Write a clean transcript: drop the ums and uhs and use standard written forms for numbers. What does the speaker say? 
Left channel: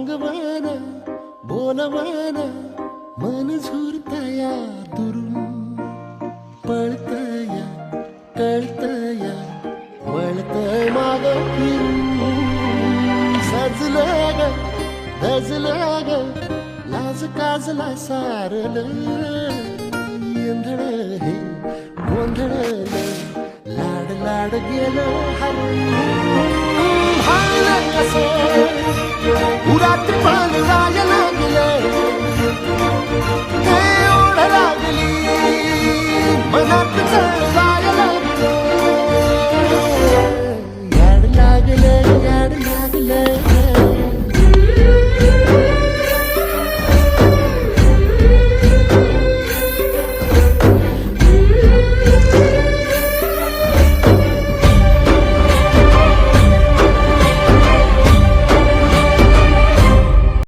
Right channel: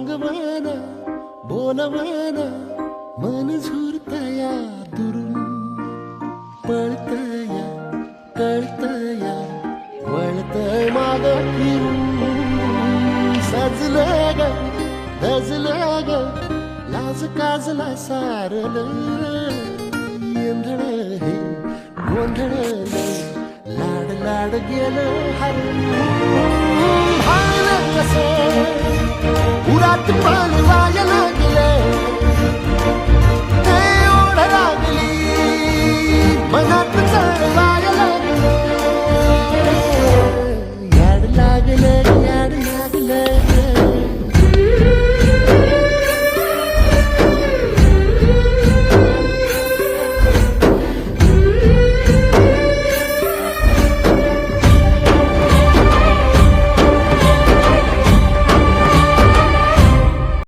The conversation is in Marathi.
रंगवान बोलवान मन झुरतया दुरून पळतया कळतया वळतय माग फिरून सजलं ग धजलं ग लाज काजला सारल येंधळ हे गोंधळल लाड लाड गेलं हरून हायलं असं उरात पान वाया लागलं ते ओढ लागली मनात चळवा